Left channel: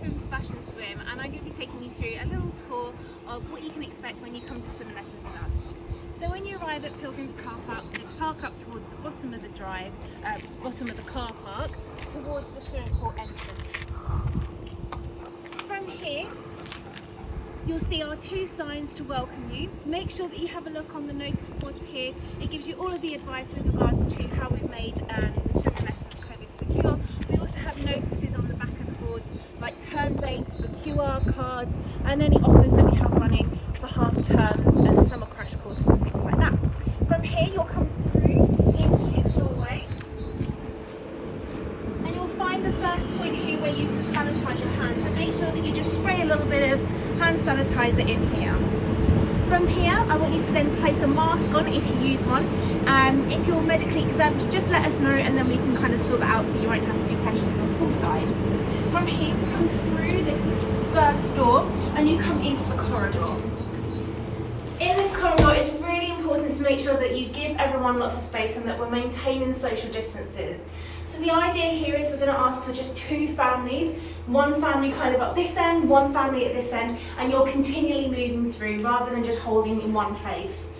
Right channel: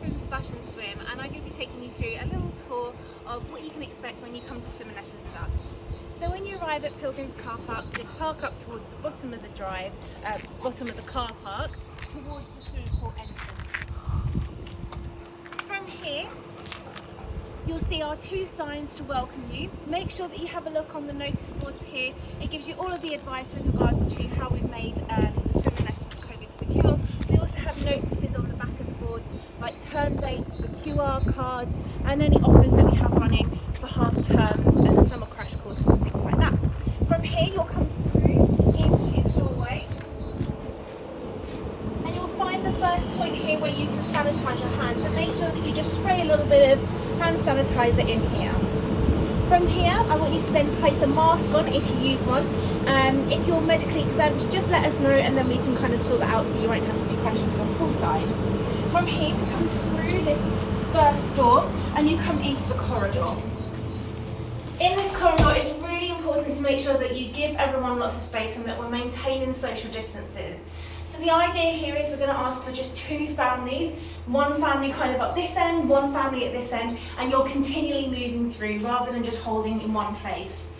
from Splash and Swim, and I'm going to be taking you through a little tour of what you can expect when you come to swimming lessons with us. So when you arrive at Pilgrim's Car Park, just park up towards the bottom of the drive, bottom of the car park, towards the swimming pool entrance. From here, you'll see our two signs to welcome you. Make sure that you have a look on the notice boards here. It gives you all of the advice with regards to how we've made the swimming lessons COVID secure. We also have notices on the back of the boards like term dates, the QR cards, and any offers that we have running for half terms and summer crash courses and things like that. From here, you'll come through into the doorway. And you'll find the first point here where you can sanitize your hands. So make sure that you just spray a little bit of hand sanitizer in here. From here, I want you to then place a mask on if you use one. If you're medically exempt, just let us know and then we can kind of sort that out so you won't have to be questioned on poolside. From here, you come through this first door and you come into the corridor. In this corridor, it's really important to make sure that you give everyone lots of space and that we're maintaining social distances. So the idea here is we're going to ask for just two families, one family kind of up this end, one family at this end, and you're continually moving through rather than just holding in one place.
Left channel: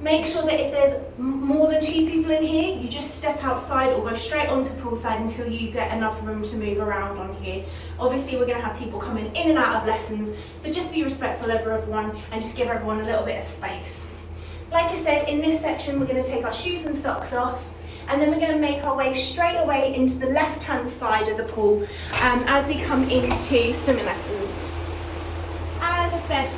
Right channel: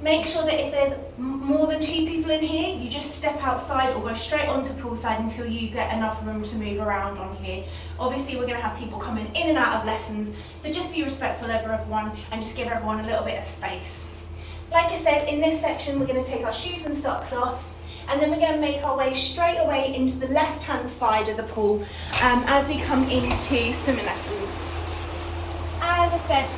Make sure that if there's more than two people in here, you just step outside or go straight onto poolside until you get enough room to move around on here. Obviously, we're going to have people coming in and out of lessons, so just be respectful of everyone and just give everyone a little bit of space. Like I said, in this section, we're going to take our shoes and socks off, and then we're going to make our way straight away into the left-hand side of the pool as we come into swimming lessons. As I said,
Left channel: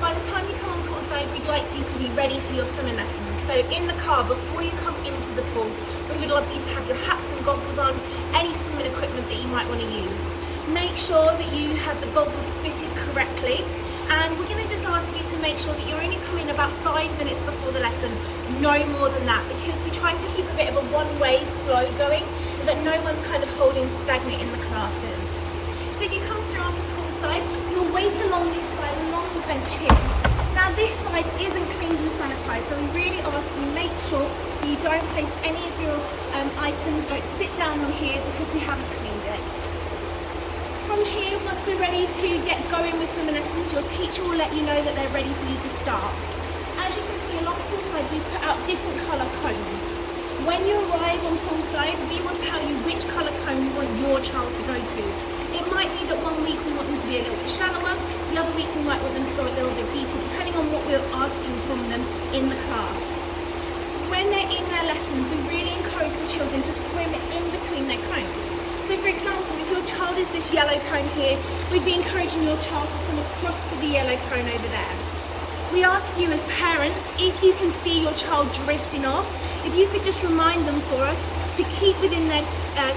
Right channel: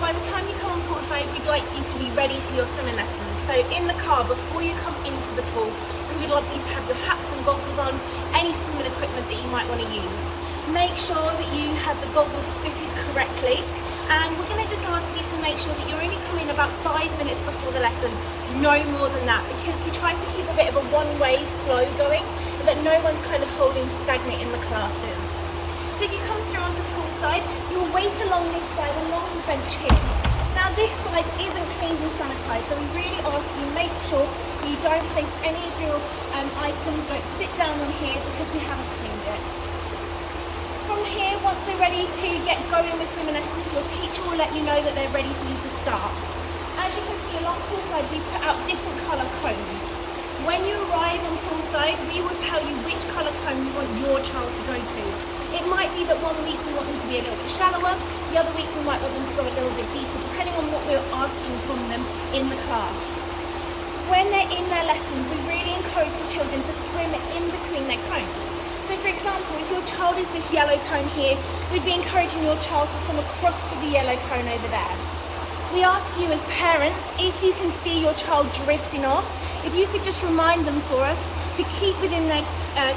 by the time you come on poolside, we'd like you to be ready for your swimming lessons. So in the car, before you come into the pool, we would love you to have your hats and goggles on, any swimming equipment that you might want to use. Make sure that you have the goggles fitted correctly, and we're going to just ask you to make sure that you're only coming about 5 minutes before the lesson, no more than that, because we try to keep a bit of a one-way flow going, and that no one's kind of holding stagnant in the classes. So you come through onto poolside, you'll wait along this side, along the bench here. Now this side isn't cleaned and sanitised, so we really ask you make sure you don't place any of your items, don't sit down on here because we haven't cleaned it. From here, once we're ready to get going with swimming lessons, your teacher will let you know that they're ready for you to start. As you can see along poolside, we put out different colour cones. When you arrive on poolside, we will tell you which colour cone we want your child to go to. It might be that one week we want them to be a little bit shallower, the other week we might want them to go a little bit deeper, depending on what we're asking from them in the class. When they're in their lessons, we really encourage the children to swim in between their cones. So for example, if your child is this yellow cone here, we'd be encouraging your child to swim across to the yellow cone over there. We ask you as parents, if you can see your child drifting off, if you could just remind them for us to keep within their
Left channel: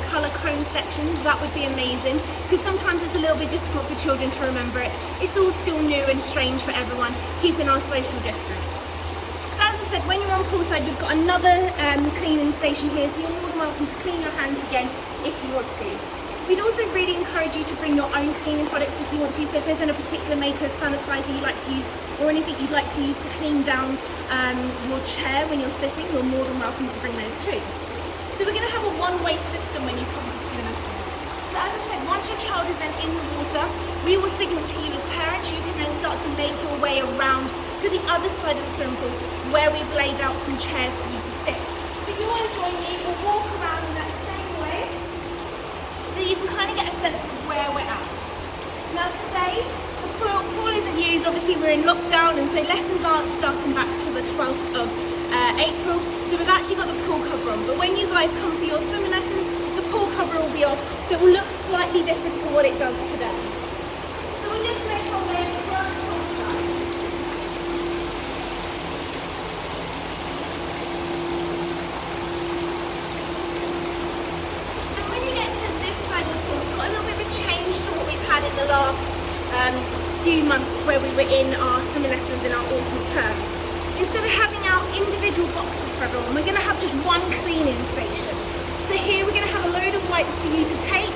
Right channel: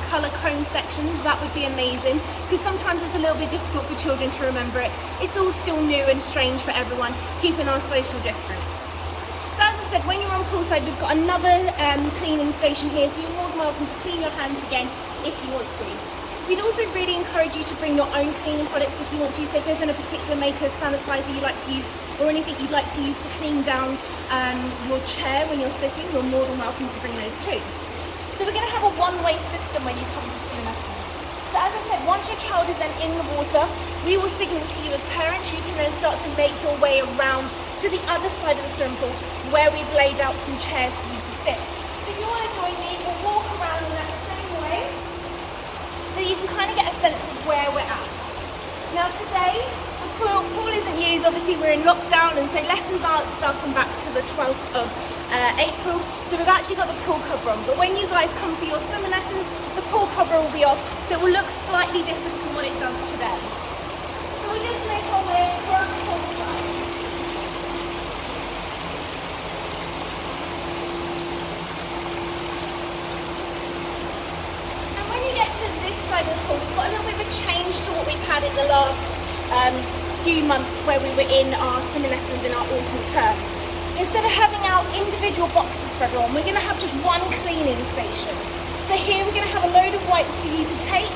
colour cone sections, that would be amazing, because sometimes it's a little bit difficult for children to remember it. It's all still new and strange for everyone, keeping our social distance. So as I said, when you're on poolside, we've got another cleaning station here, so you're more than welcome to clean your hands again if you want to. We'd also really encourage you to bring your own cleaning products if you want to. So if there's a particular maker of sanitizer you'd like to use, or anything you'd like to use to clean down your chair when you're sitting, you're more than welcome to bring those too. So we're going to have a one-way system when you come to swimming lessons. So as I said, once your child is then in the water, we will signal to you as parents. You can then start to make your way around to the other side of the swimming pool where we've laid out some chairs for you to sit. So if you want to join me, we'll walk around in that same way, so you can kind of get a sense of where we're at. Now today, the pool isn't used, obviously we're in lockdown, and so lessons aren't starting back to the 12th of April, so we've actually got the pool cover on. But when you guys come for your swimming lessons, the pool cover will be off, so it will look slightly different to what it does today. So we just make our way across poolside. Side of the pool, we've got a little bit of a change to what we've had in the last few months where we were in our swimming lessons in our autumn term. Instead of having our individual boxes for everyone, we're going to have just one cleaning station. So here we're going to have a load of wipes for you to take.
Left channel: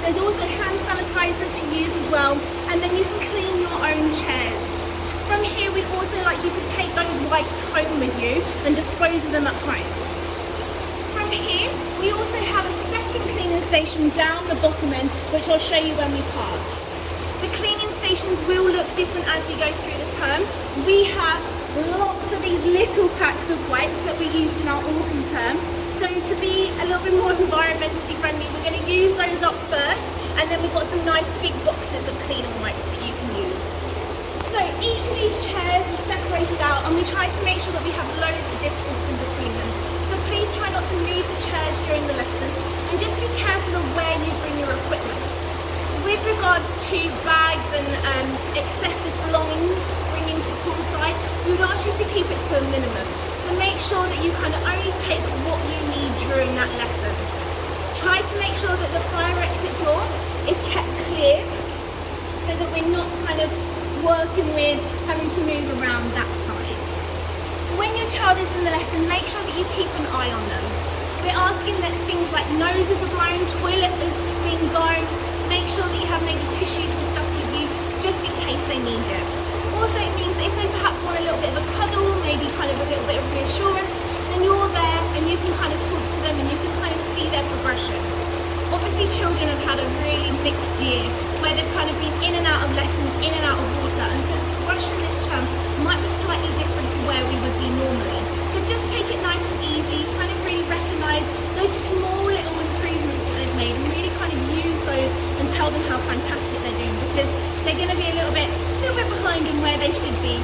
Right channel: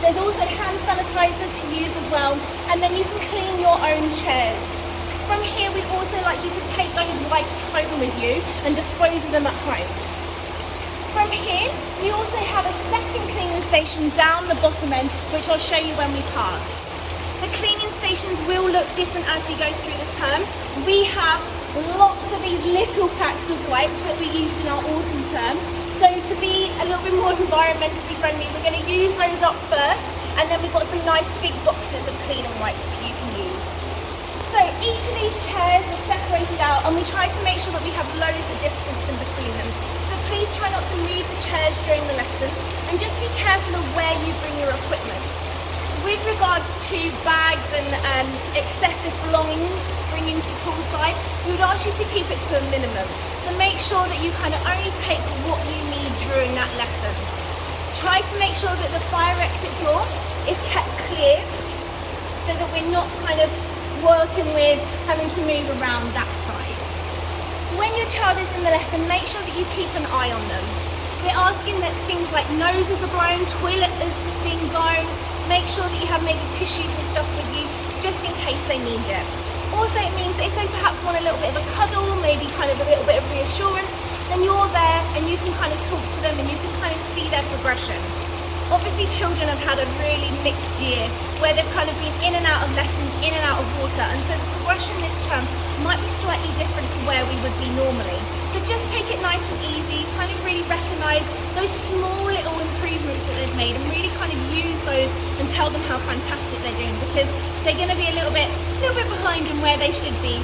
There's also hand sanitizer to use as well, and then you can clean your own chairs. From here, we'd also like you to take those wipes home with you and dispose of them at home. From here, we also have a second cleaning station station down the bottom end, which I'll show you when we pass. The cleaning stations will look different as we go through the term. We have lots of these little packs of wipes that we used in our autumn term. So to be a little bit more environmentally friendly, we're going to use those up first, and then we've got some nice big boxes of cleaning wipes that you can use. So each of these chairs is separated out, and we try to make sure that we have loads of distance in between them. So please try not to move the chairs during the lesson, and just be careful of where you bring your equipment. With regards to bags and excessive belongings bringing to poolside, we would ask you to keep it to a minimum. So make sure that you kind of only take what you need during that lesson. Try to make sure that the fire exit door is kept clear so that we're not kind of working with having to move around that side. When your child is in the lesson, make sure that you keep an eye on them. We're asking that things like noses are blown, toilet is being blown. Make sure that you have maybe tissues and stuff with you just in case they need it. Also, it means that if they perhaps want a little bit of a cuddle, maybe kind of a little bit of reassurance, then you're there and you can kind of talk to them and you can kind of see their progression. Obviously, children have had a really mixed year where they've kind of been in and out of lessons, in and out of water, and so the progression this term might be slightly different to where we would be normally. So just take it nice and easy, kind of really recognise those small little improvements that they've made and really kind of use those and tell them how fantastic they're doing, because they're going to be a little bit behind in where they should be.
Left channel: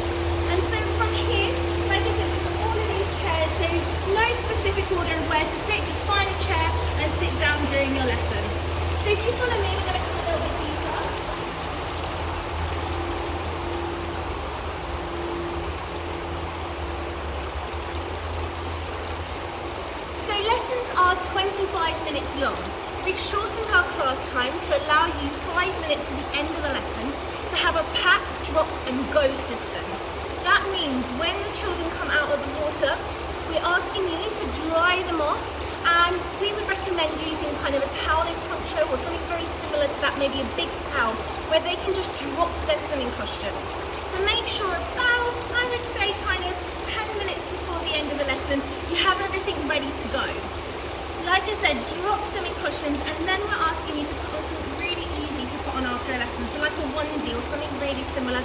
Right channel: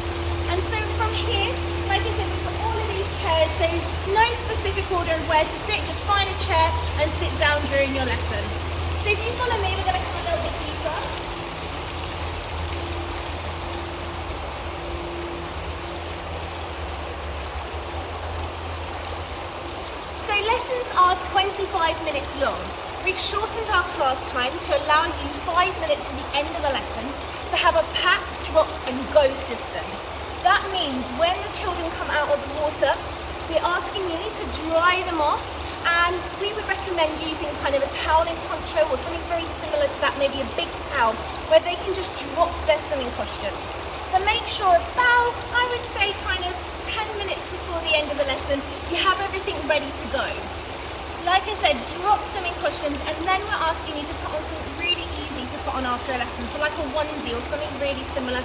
And so from here, like I said, we've got all of these chairs, so no specific order of where to sit, just find a chair and sit down during your lesson. So if you follow me, we're going to come a little bit deeper. So lessons are 25 minutes long. We've shortened our class time to allow you 5 minutes at the end of the lesson to have a pack, drop and go system. That means when the children come out of the water, we're asking you to dry them off, and we would recommend using kind of a toweling poncho or something very similar to that, maybe a big towel, where they can just drop their swimming costumes. So make sure about, I would say, kind of 10 minutes before the end of the lesson, you have everything ready to go. Like I said, drop swimming costumes, and then we're asking you to put on something really easy to put on after a lesson, so like a onesie or something really similar,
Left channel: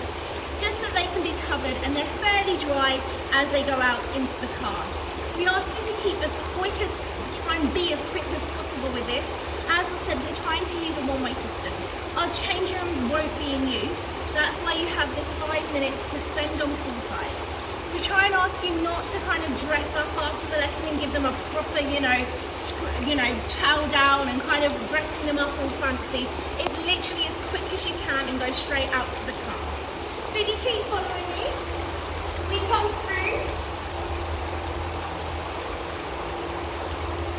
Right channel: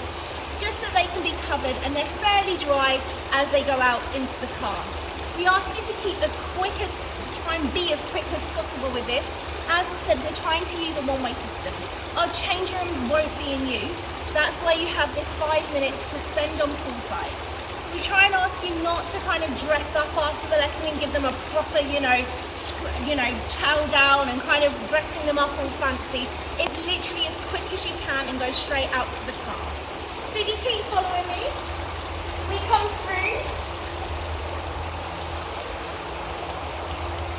just so they can be covered and they're fairly dry as they go out into the car. We ask you to try and be as quick as possible with this. As I said, we're trying to use a one-way system. Our change rooms won't be in use. That's why you have this 5 minutes to spend on poolside. We try and ask you not to kind of dress up after the lesson and give them a proper, chow down and kind of dressing them up all fancy. It's literally as quick as you can and go straight out to the car. So if you keep following me, we come through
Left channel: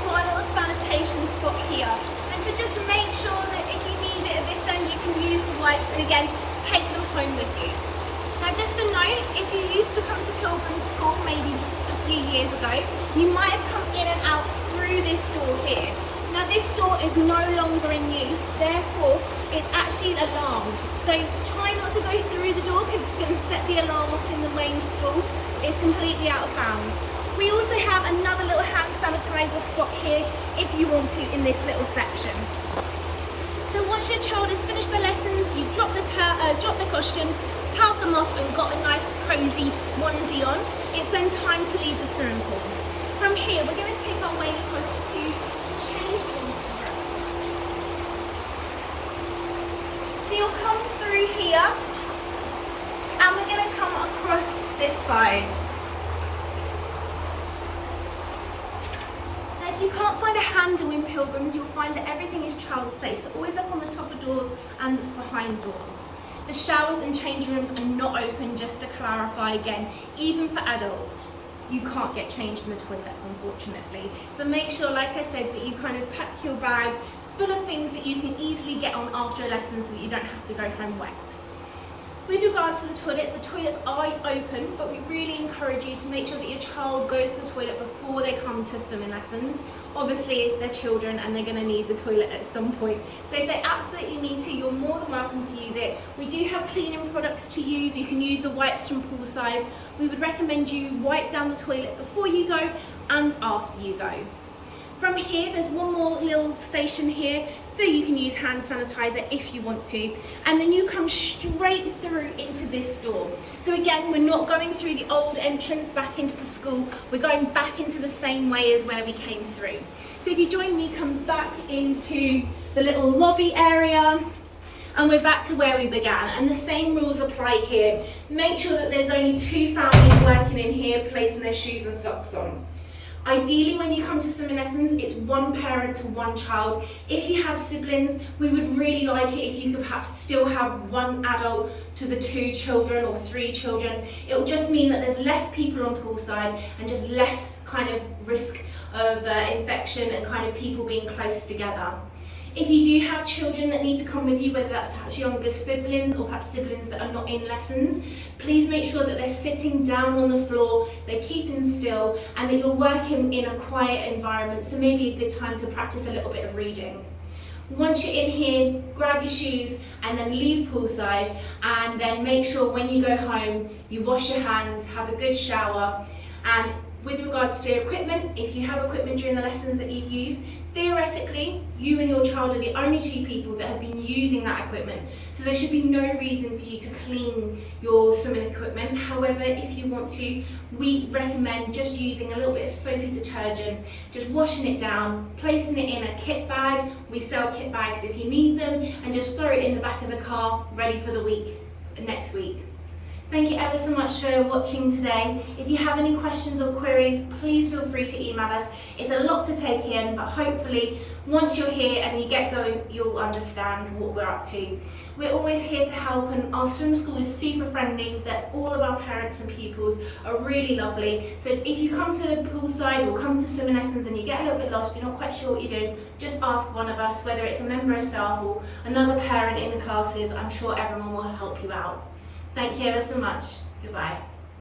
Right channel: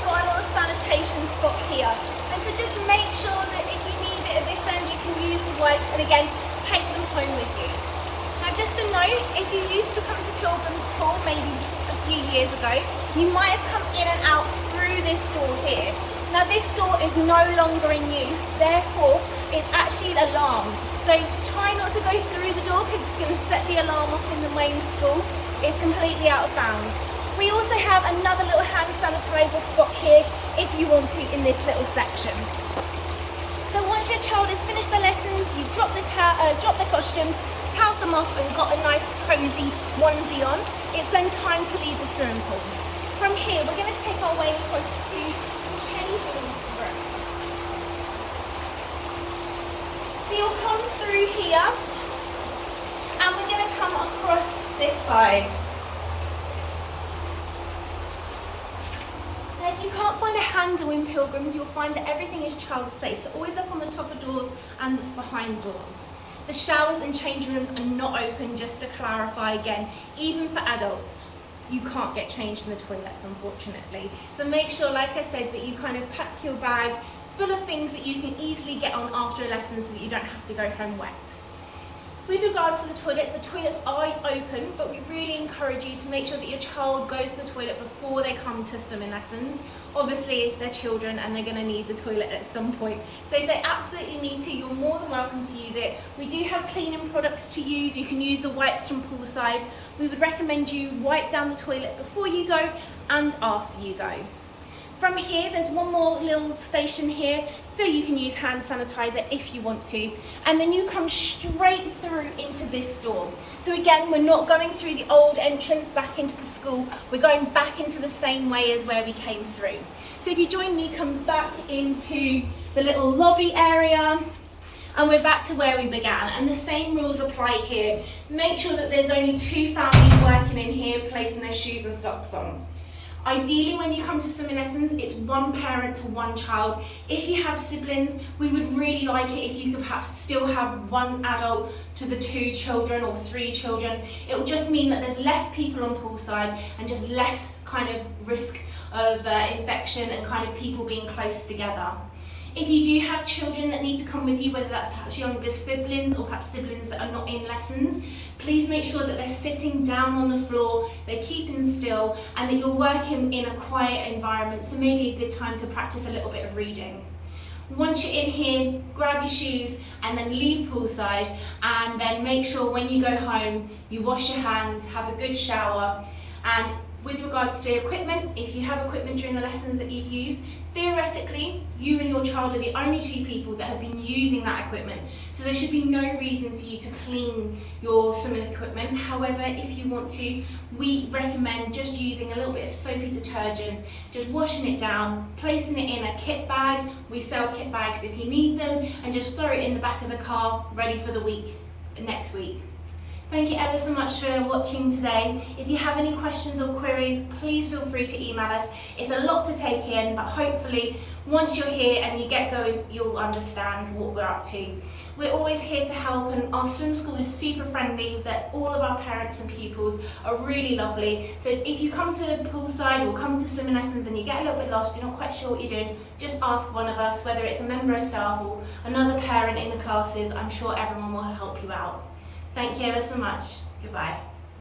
to our little sanitation spot here. And so just make sure that if you need it at this end, you can use the wipes, and again, take them home with you. Now just a note, if you used to come to Pilgrim's Pool maybe a few years ago, you might have come in and out through this door here. Now this door is no longer in use, therefore it's actually alarmed. So try not to go through the door because it's going to set the alarm off in the main school. It's completely out of bounds. We also have another little hand sanitizer spot here if you want to in this little section. So once your child has finished their lessons, you've dropped the costumes, toweled them off and got a nice cosy onesie on, it's then time to leave the swimming pool. From here, we're going to take our way across to change rooms. So you'll come through here and we're going to come across this side. If you can't find a handle in Pilgrims, you'll find that everything is child safe. So always look on the top of doors and behind doors. The showers and changing rooms are not open, just to clarify again, even for adults. You can't get changed in the toilets, unfortunately. So make sure, like I said, that you kind of pack your bag full of things that you can easily get on after a lesson so that you don't have to go home wet. With regards to the toilets are open, but we really encourage you to make sure that your child goes to the toilet before they come to swimming lessons. Obviously, they're children and they're going to need the toilet at some point. So if they absolutely need to, you're more than welcome to use it. We do have cleaning products to use. You can use the wipes from poolside. We would recommend you wipe down the toilet before you go and after you go. From here, there's one more little station here, so you can use hand sanitizer if you want to. And then you come straight through into this door. So again, we're not going through the old entrance back into the school. We're going back into the same way as where we came through. So if you join me, come back into the little lobby area. And we're back to where we began, and the same rules apply here. Make sure that there's only 2 families working in here, placing their shoes and socks on. Ideally, when you come to swimming lessons, it's 1 parent to 1 child. If you have siblings, we would really like it if you could perhaps still have 1 adult to the 2 children or 3 children. It will just mean that there's less people on poolside and just less kind of risk of infection and kind of people being close together. If you do have children that need to come with you, whether that's perhaps younger siblings or perhaps siblings that are not in lessons, please make sure that they're sitting down on the floor, they're keeping still, and that you're working in a quiet environment, so maybe a good time to practice a little bit of reading. Once you're in here, grab your shoes and then leave poolside, and then make sure when you go home, you wash your hands, have a good shower. And with regards to equipment, if you have equipment during the lessons that you've used, theoretically, you and your child are the only 2 people that have been using that equipment. So there should be no reason for you to clean your swimming equipment. However, if you want to, we recommend just using a little bit of soapy detergent, just washing it down, placing it in a kit bag. We sell kit bags if you need them, and just throw it in the back of the car, ready for the week, next week. Thank you ever so much for watching today. If you have any questions or queries, please feel free to email us. It's a lot to take in, but hopefully once you're here and you get going, you'll understand what we're up to. We're always here to help, and our swim school is super friendly, that all of our parents and pupils are really lovely. So if you come to the poolside or come to swimming lessons and you get a little bit lost, you're not quite sure what you're doing, just ask one of us, whether it's a member of staff or another parent in the classes. I'm sure everyone will help you out. Thank you ever so much. Goodbye.